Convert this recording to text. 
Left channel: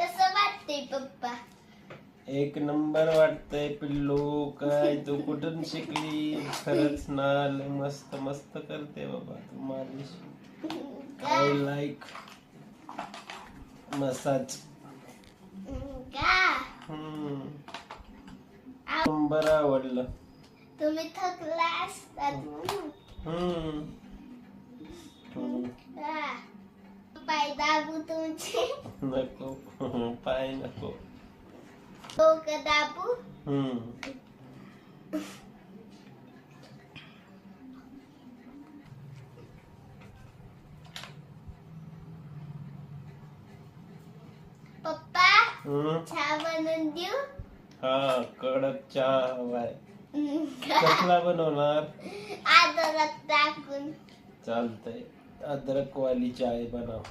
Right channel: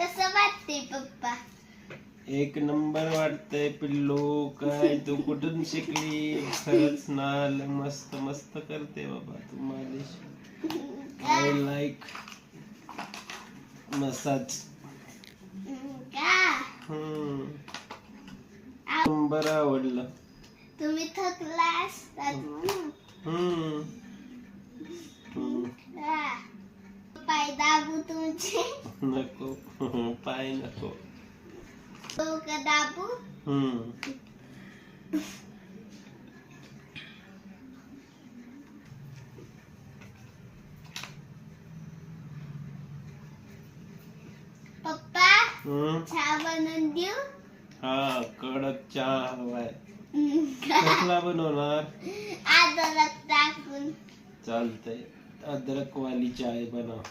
कसं वाटते पप्पा? एक नंबर वाटतंय पिल्लू. काय तू कुठून शिकली? खरंच ना लय मस्त मस्त करते बाबा तू मालिश. I like massage. बरं आवडलं. तुम्ही थकला असतात म्हणून. पाय दाबू तुमचे. नको पाय नको. डोकं दाबू. पप्पा चहा बनवून देऊ? हा कडक चहा हवाय. कसला बनवणार? अद्रक टाकून. चालतंय अद्रक वाली चाय बनव.